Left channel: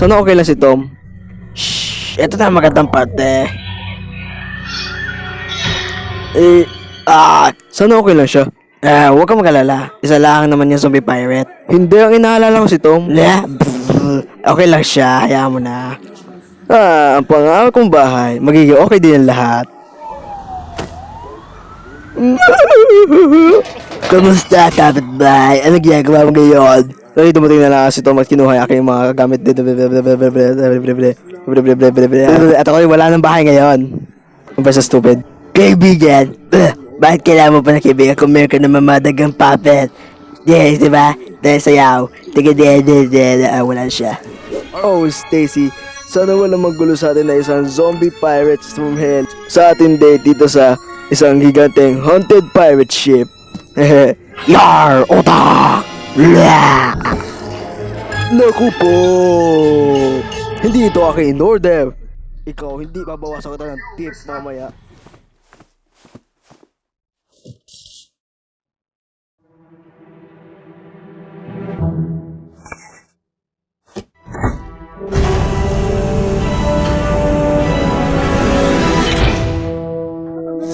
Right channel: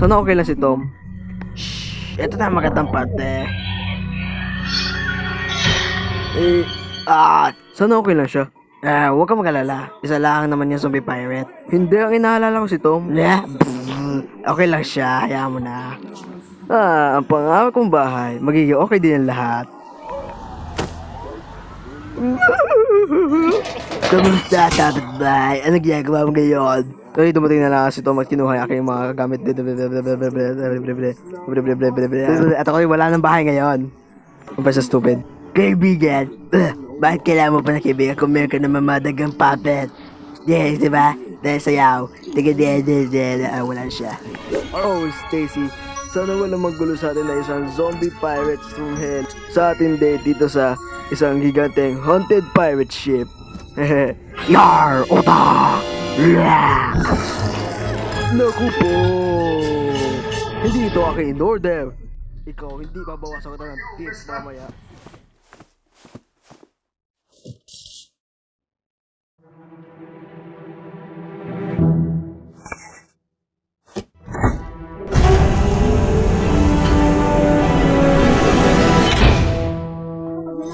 Sana okay lang si Tom? Ito na magandang parte. Sana okay lang siya? Huwag kang mag-alala. Isa lang naman yung zombie pirate. Hindi, ang inaalala ko si Tom. Okay lang siya, hayaan mo na. Ang pangako kong bahay. Magiging okay din ang lahat. Kamusta, kapitbahay? Ano ginagawa mo ngayon? Sorry, dumating na lang si Tom at kinuha yung aking mga gamit dito. At ako wala ng bahay ngayon. Kumpara sa stupid. Kaibigan, bakit kailangan mo pa na kaibigan kung meron ka na mamadagang puppet? Yes, diba? Dahil sayaw. Wala siya. Oh, Stacy. Sana walang magulo sa atin na isang zombie pirates from hell sa ating date dito sa isang giganteng haunted pirate ship. Yar! Otak! Naku po! Hindi ito aking in-order. Ikaw, hindi babawasan kita ng tips mamaya.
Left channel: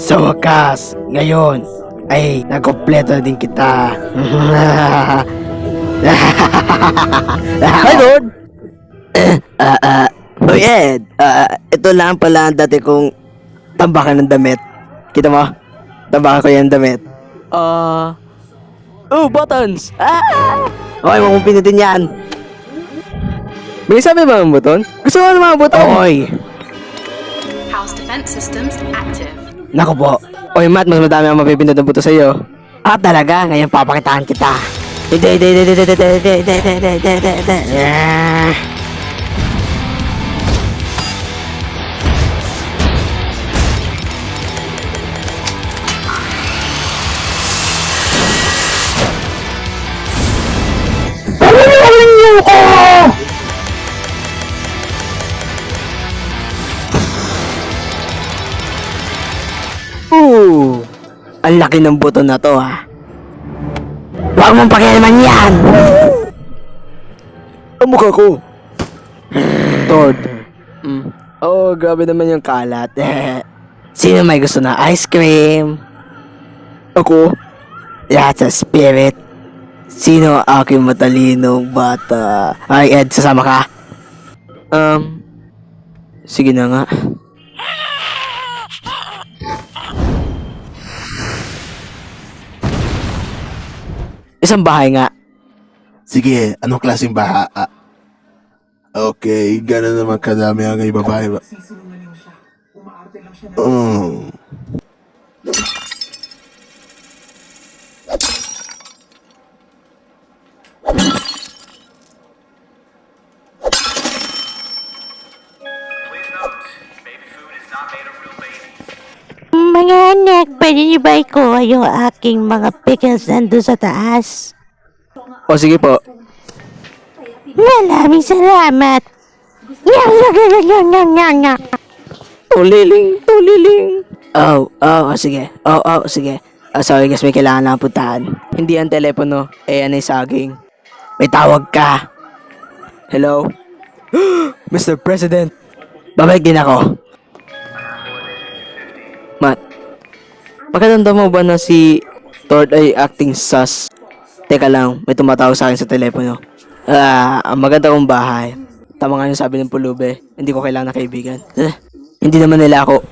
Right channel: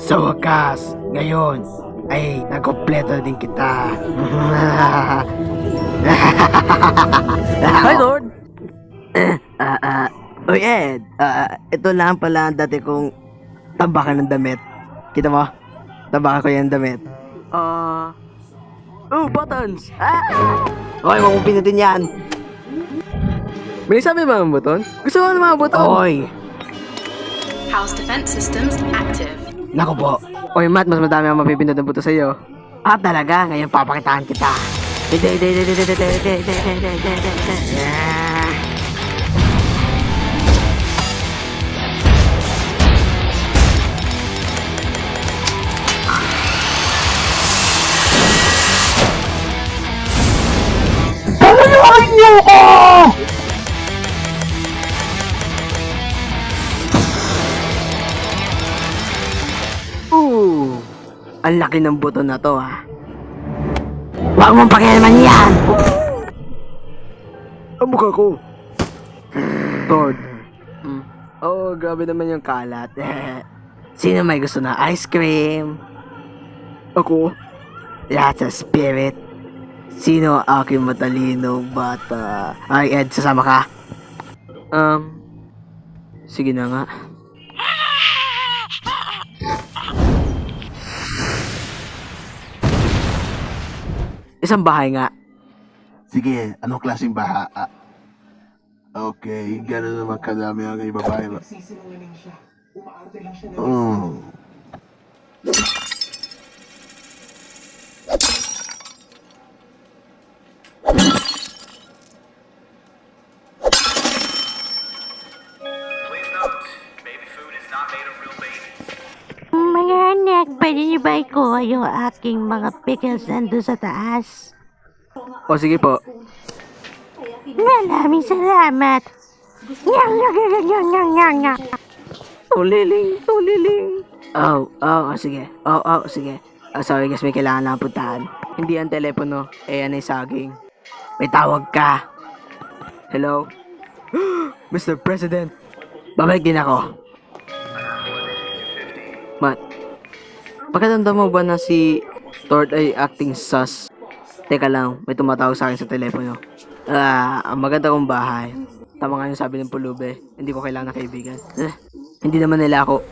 Sa wakas, ngayon ay nakompleto din kita. Hi, Lord! Oy, Ed, ito lang pala ang dati kong tambakan ng damit. Kita mo? Tambakan ko yan damit. Buttons! Okay, huwag mong pinutin yan. May sabi ba ang buton? Gusto mo ng mga buton? Oy! House defense systems active. Naku po. Oy, Matt, mas madami ang mapipindot ng buto sa'yo. Talaga? Ngayon papakitaan kita. Ang laki ng buto na to, ha. Huwag mong pakialaman yan! Ang mukha ko. Todd. Grabe naman yung kalat. Sino may gusto na ice cream? Ako? That's a spirit. Sino ang aking matalinong bata? Ay, Ed, sasama ka? Sige na nga. Isang bahay nga. Sige, anong klaseng baha? Okay, gano'n naman kadami ang babae ba? Mga anak, pwede niyo ba ikuha yung aking mga pickles nandun sa taas? O sige po. Maraming salamat. Tuliling. Sige. Sige. Sorry guys, may kailangan lang puntahan. Hindi ang telepono, ano yung saging. May tawag ka. Hello? Mr. President. Babalik din ako. Matt, pagkatanda mo ba na si Todd ay acting sus? Teka lang, may tumatawag sa akin sa telepono. Ang maganda kong bahay. Tama nga yung sabi ng pulube, hindi ko kailangan na kaibigan. Hindi naman nila ako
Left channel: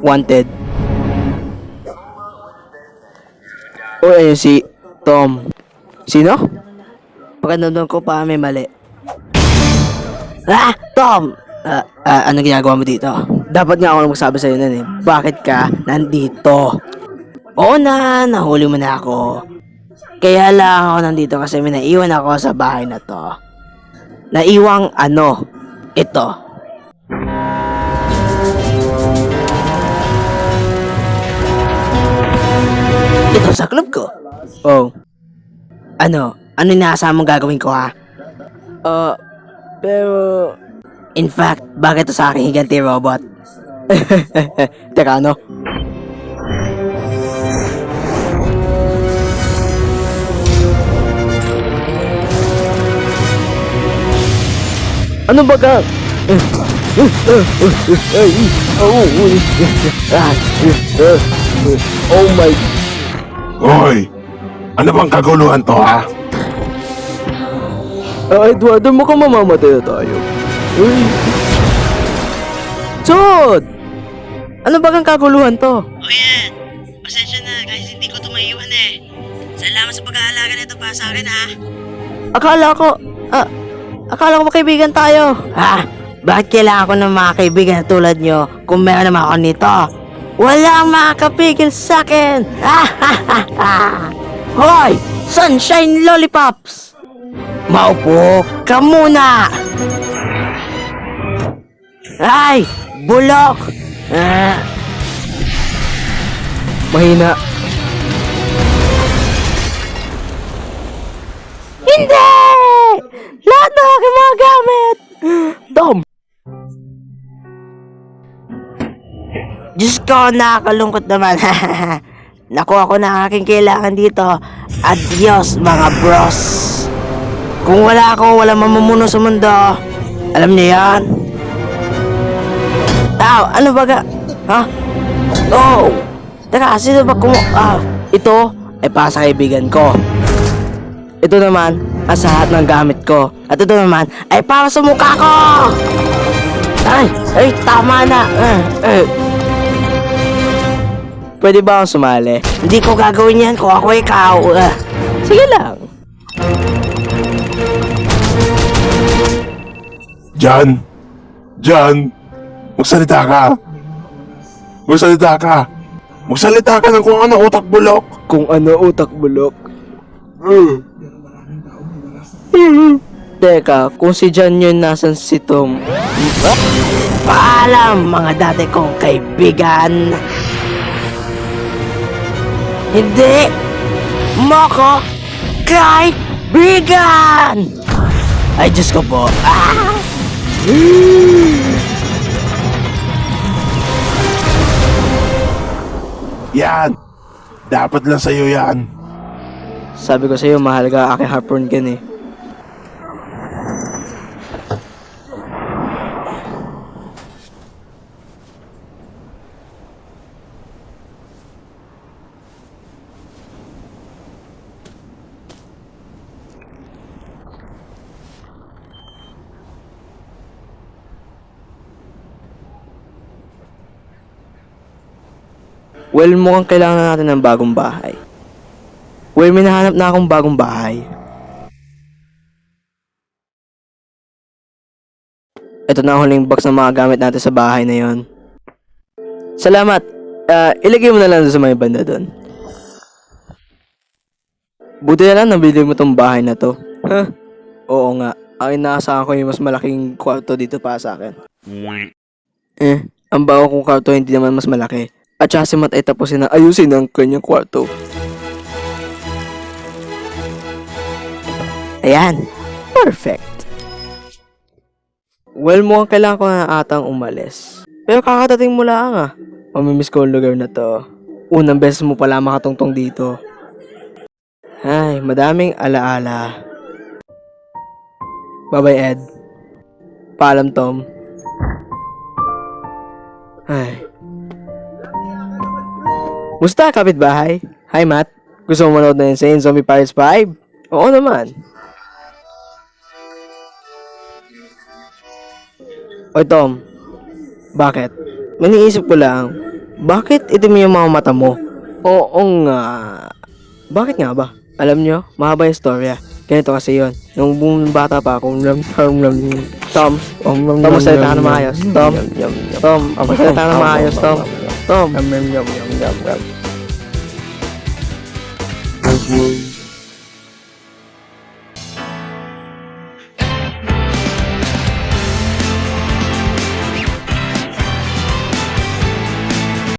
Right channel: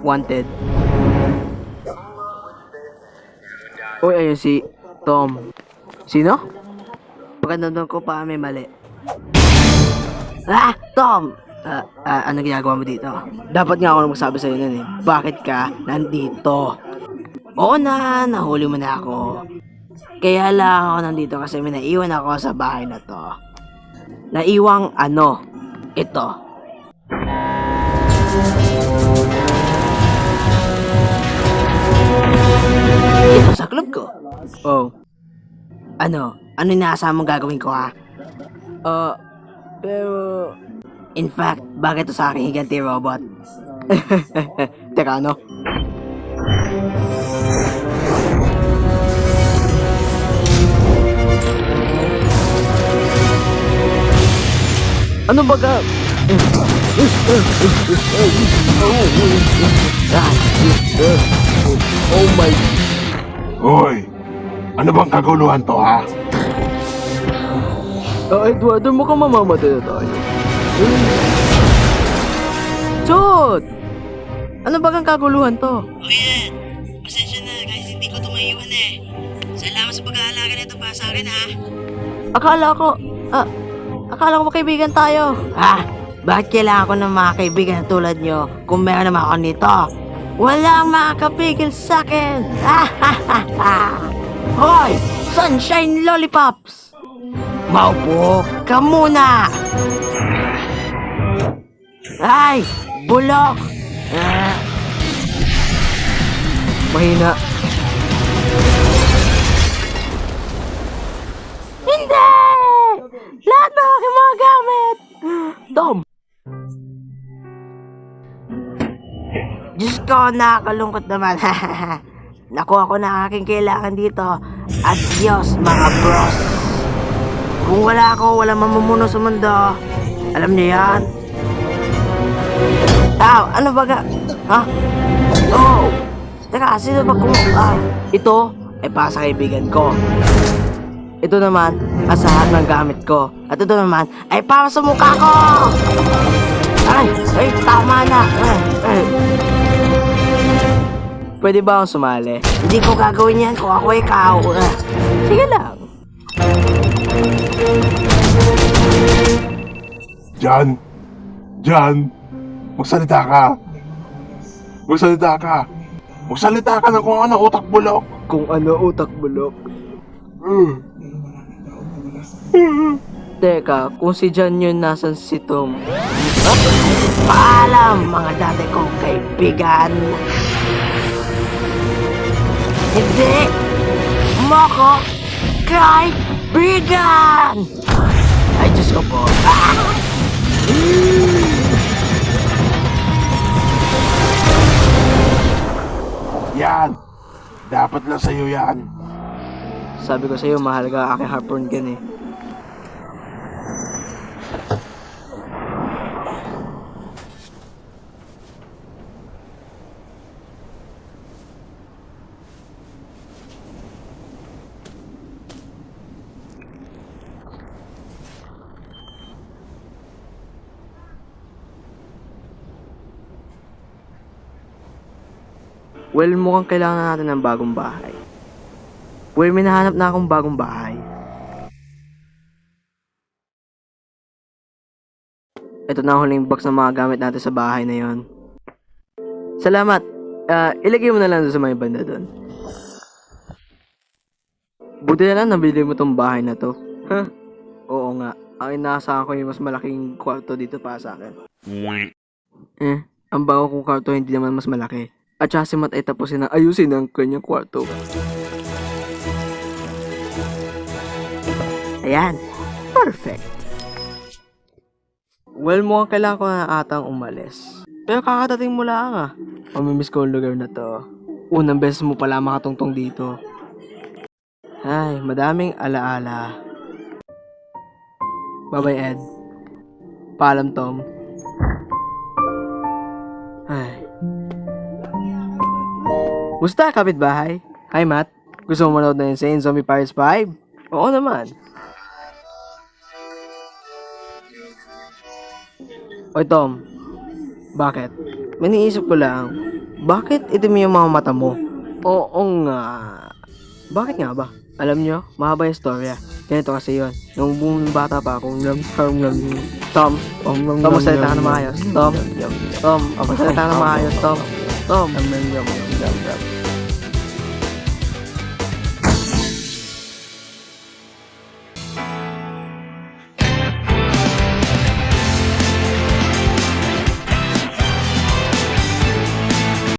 wanted. Ayun si Tom. Sino? Pagkatanda ko pa may mali. Tom! Ano ginagawa mo dito? Dapat nga ako magsabi sa'yo nun eh. Bakit ka nandito? Oo na, nahuli mo na ako. Kaya lang ako nandito kasi may naiwan ako sa bahay na to. Naiwang ano? Ito. Ito sa club ko. Oh. Ano? Ano inaasahan mong gagawin ko ha? Pero... In fact, bakit ito sa aking higanti robot? Teka, ano? Ano ba ka? Oh my... Hoy! Ano bang kaguluhan to, ha? Eduardo, mukhang mamamatay na tayo. Chot! Ano ba kang kaguluhan to? O yan, pasensya na guys, hindi ko tumaiwan eh. Salamat sa pag-aalaga nito para sa akin ha. Akala ko kaibigan tayo. Bakit kailangan ko ng mga kaibigan na tulad nyo kung meron naman ako nito? Walang makakapigil sa akin! Hoy! Sunshine Lollipops! Maupo ka muna! Ay! Bulok! Mahina. Hindi! Lahat ng aking mga gamit! Tom! Diyos ko, nakakalungkot naman. Nakuha ko na ang aking kailangan dito. Adios, mga bros. Kung wala ako, wala mamumuno sa mundo. Alam niyo yan? Ano ba ga? Ha? Oh! Teka, sino ba Ito ay para sa kaibigan ko. Ito naman ang sa lahat ng gamit ko. At ito naman ay para sa mukha ko! Ay, tama na! Pwede ba akong sumali? Hindi ko gagawin yan kung ako ikaw. Sige lang. Jan! Magsalita ka! Magsalita ka ng kung ano utak bulok! Kung ano utak bulok. Teka, kung si John yun, nasan si Tom? Paalam, mga dati kong kaibigan. Hindi mo ko kaibigan! Ay, Diyos ko po. Yan! Dapat lang sa'yo yan. Sabi ko sa'yo, mahal ka aking harpoon gun eh. Well, mukhang kailangan na natin ng bagong bahay. Well, may nahanap na akong bagong bahay. Ito na ang huling box ng mga gamit natin sa bahay na yon. Salamat. Ilagay mo na lang sa may banda doon. Buti na lang nabili mo tong bahay na to. Huh? Oo nga. Ang inaasahan ko yung mas malaking kwarto dito para sa akin. Ang bago kong kwarto hindi naman mas malaki. At saka si Matt ay tapusin na ayusin ang kanyang kwarto. Ayan. Perfect. Well, mukhang kailangan ko na atang umalis. Pero kakatating mo lang Mamimiss ko ang lugar na to. Unang beses mo pala makatungtong dito. Ay, madaming alaala. Bye-bye, Ed. Paalam, Tom. Ay. Musta, kapitbahay? Hi, Matt. Gusto mo manood na Insane Zombie Pirates 5? Oo naman. Oy, Tom. Bakit? Maniisip ko lang, bakit itim yung mga mata mo? Oo nga. Bakit nga ba? Alam nyo, mahaba yung storya. Ganito kasi yon. Nung bata pa akong Tom, magsalita ka na maayos. Tom, magsalita ka na maayos, Tom.